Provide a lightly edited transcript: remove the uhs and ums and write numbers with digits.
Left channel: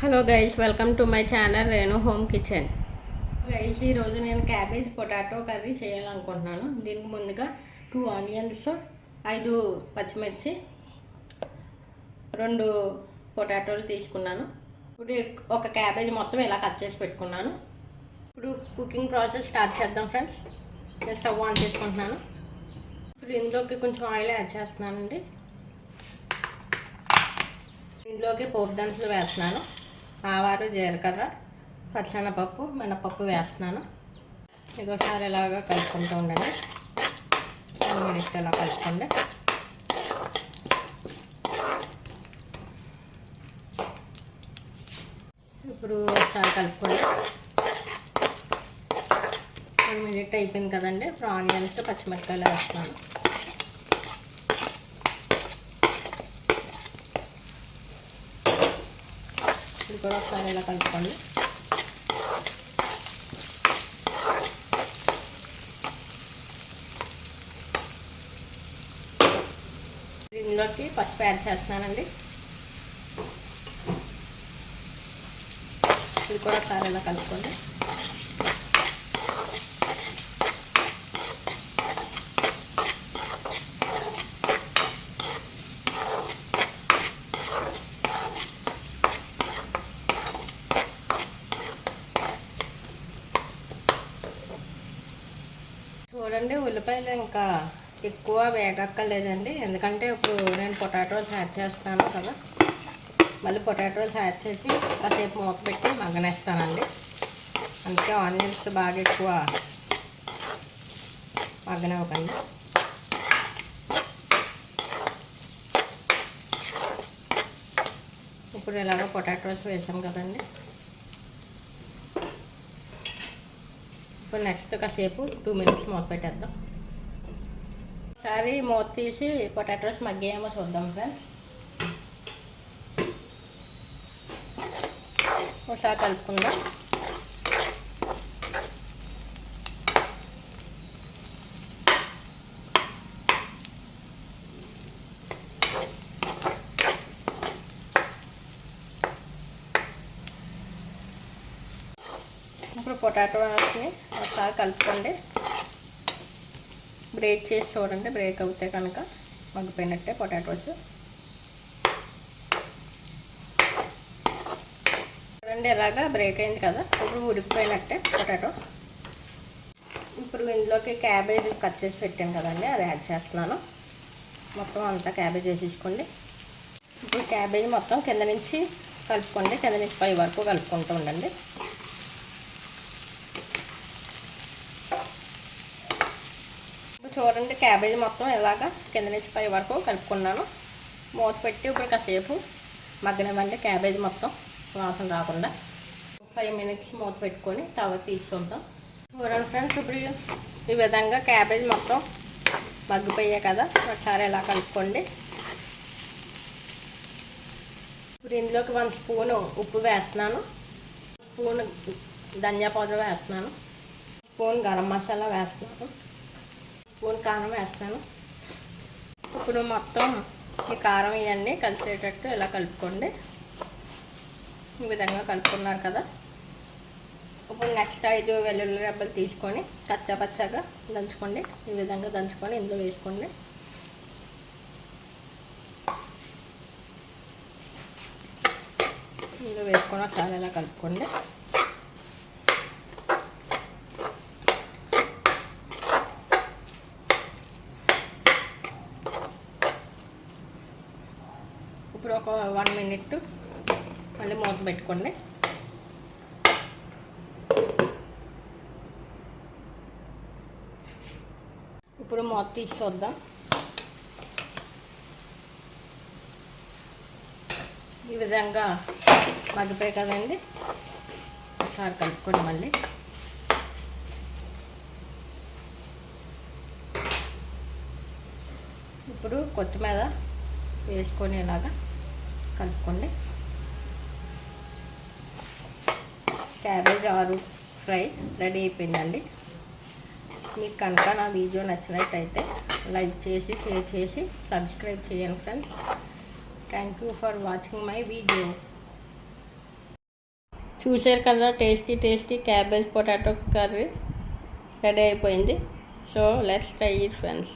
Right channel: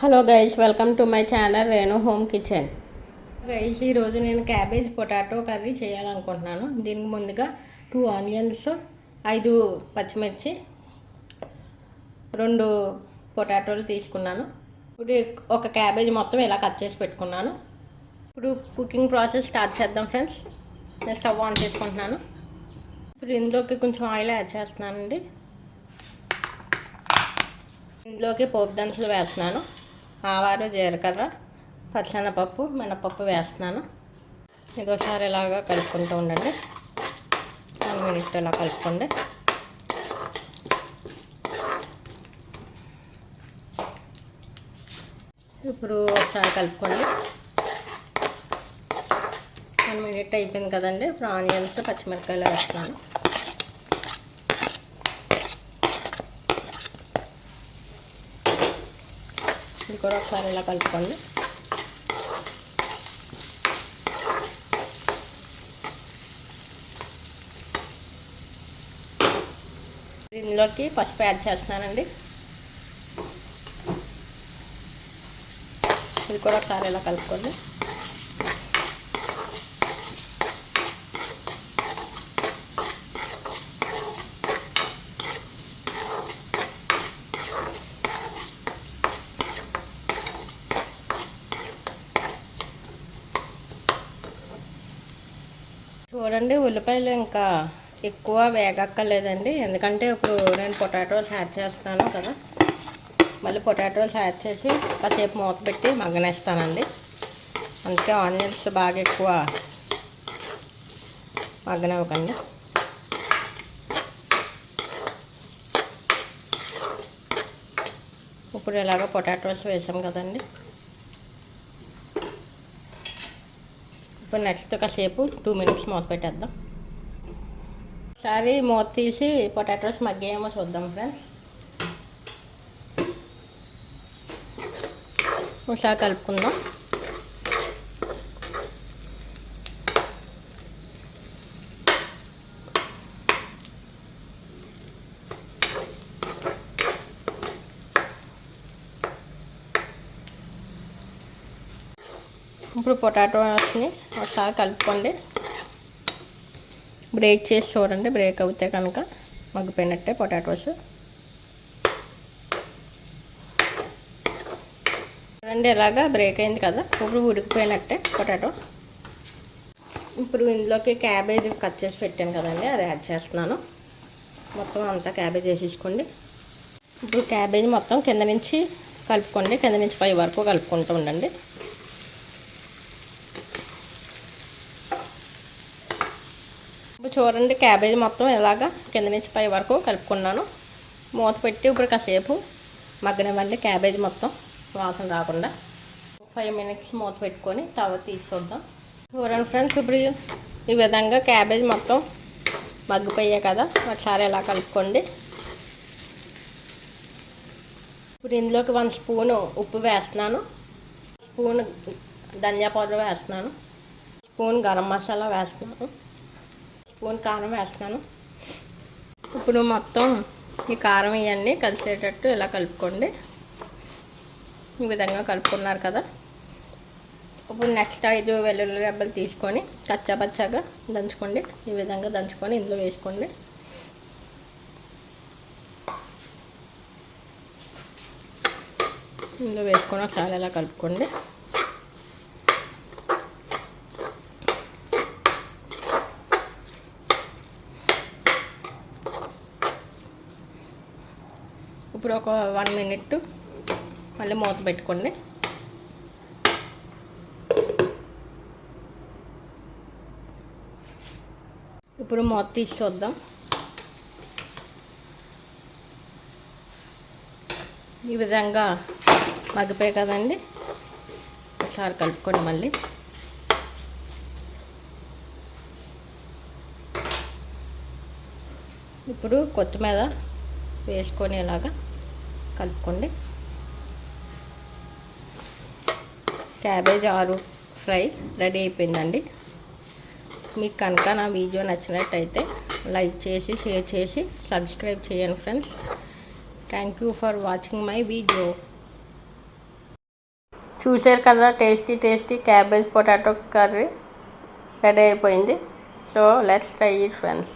Hello guys, welcome to my channel Renu home kitchen. Guys, ఈరోజు నేను cabbage potato curry చేయాలనుకుంటున్నాను. దీనికి ముందుగా 2 ఆనియన్స్, 5 పచ్చిమిర్చి, 2 పొటాటోలు తీసుకున్నాను. ఇప్పుడు ఒక క్యాబేజ్ మొత్తం ఇలా కట్ చేసి పెట్టుకున్నాను. ఇప్పుడు కుకింగ్ ప్రాసెస్ స్టార్ట్ చేద్దాం ఫ్రెండ్స్. నేను స్టవ్ ఆన్ చేసుకుంటున్నాను. ఇప్పుడు ఇందులోకి కొంచెం ఆయిల్ యాడ్ చేస్తున్నానండి. ఇందులోకి పోపు దినుసులు వేస్తున్నాను. ఆవాలు, జీలకర్ర, పచ్చనపప్పు, మినపప్పు వేస్తున్నాను. ఇది ఒకసారి ఇలాగా కలుపుకుంటూ ఉండండి. 1 మినిట్ ఇలా కలుపుకోండి. ఇప్పుడు ఒకసారి కలుపుకోండి. 1 మినిట్ అయిపోయింది కదండి. ఇప్పుడు ఆనియన్స్, పచ్చిమిరపకాయలు వేస్తున్నాను. ఇది కూడా ఒకసారి ఇలా కలుపుకోండి. ఇందులోకి పసుపు యాడ్ చేస్తున్నానండి. ఇది కూడా ఒకసారి ఇలా కలుపుకోండి. చూడండి, ఉల్లిపాయలు ఇంకా ఎక్కువ వేగక్కర్లేదండి. ఎందుకంటే ఇప్పుడు నేను పొటాటోస్ యాడ్ చేస్తాను కదా, మళ్ళీ పొటాటోస్ యాడ్ చేసి కాసేపు మూత పెట్టి మగ్గనేస్తానండి. అందుకే ఆనియన్స్ బాగా ఎక్కువ మగ్గనివ్వకండి. ఇప్పుడు ఇలాగ పొటాటోస్ వేసాం కదండి. ఇప్పుడు నెక్స్ట్ కాసేపు 2 మినిట్స్ మూత పెట్టేద్దాం. ఒకసారి మూత తీసి పొటాటోస్ మగ్గేమో చూద్దాం ఫ్రెండ్స్. ఒకసారి కలుపుకుందాం. ఇప్పుడు పొటాటోస్ని ఒకసారి కలుపుకోండి. బ్రేక్ చేసి చూడండి. బ్రేక్ అవుతే కనుక మగ్గిపోయినట్టే పొటాటోస్. చూడండి, ఇలాగా బ్రేక్ అయింది కదా. ఇప్పుడు ఉడికిపోయినట్టే పొటాటో. ఇప్పుడు ఇందులోకి క్యాబేజ్ కట్ చేసి పెట్టాను కదండి, అది యాడ్ చేస్తున్నాను. మొత్తం అంతా క్యాబేజ్ వేసేసుకోండి. ఇప్పుడు క్యాబేజ్ మొత్తం కింద నుంచి కలుపుకోండి. కింద నుంచి పై వరకు కలుపుకుంటూ ఉండండి. ఇప్పుడు చూడండి, క్యాబేజ్ మొత్తం ఇలాగా కింద నుంచి పై వరకు కలుపుకున్నాను. మూత పెట్టి ఇప్పుడు కాసేపు మగ్గనివ్వండి. క్యాబేజ్ మొత్తం వాసన రాకుండా 5 మినిట్స్ మూత పెట్టుకొని తర్వాత తీసుకుందాం. చూడండి ఫ్రెండ్స్, ఇప్పుడు ఈ విధంగా క్యాబేజ్ మొత్తం మగ్గిపోయాయి కదా. ఒకసారి ఇలా కలుపుకోండి. ఇప్పుడు ఇందులోకి 1 స్పూను ఉప్పు వేస్తున్నాను. స్పూన్ ధనియా పౌడర్ వేస్తున్నాను. స్పూన్ గరం మసాలా వేస్తున్నాను. స్పూన్ కారం వేస్తాను. ఇప్పుడు మొత్తం ఈ కారం ఇవన్నీ కలిసేటట్టు ఇలా కలుపుకోండి. ఈ విధంగా కలుపుకున్నారు కదా. ఇప్పుడు నెక్స్ట్ 5 వెల్లుల్లి రెబ్బలు తీసుకొని కచ్చాపచ్చాగా దంచుకోండి. ఈ విధంగా దంచుకొని ఇందులో వేసుకోండి. ఇందులో వేసుకొని ఒకసారి ఇలా కలుపుకోండి. ఇప్పుడు ఒక 1 మినిట్ మళ్ళీ మూత పెట్టుకోండి. ఇప్పుడు మూత తీసి చూద్దాం. ఈ విధంగా మగ్గిపోయాయి కదండి. ఒకసారి కలుపుకోండి. మళ్ళీ ఇప్పుడు కొత్తిమీర వేసుకొని ఇలాగా కలుపుకోండి. క్యాబేజ్ ఆలు ఫ్రై రెడీ అయిపోయిందండి. మీకు కనుక నా వీడియో నచ్చినట్టయితే లైక్ చేసి, షేర్ చేసి, సబ్స్క్రైబ్ చేయండి friends. Thank you for watching my video. చూసారు కదా, tasty cabbage potato curry ready అయిపోయింది. So let's try it friends.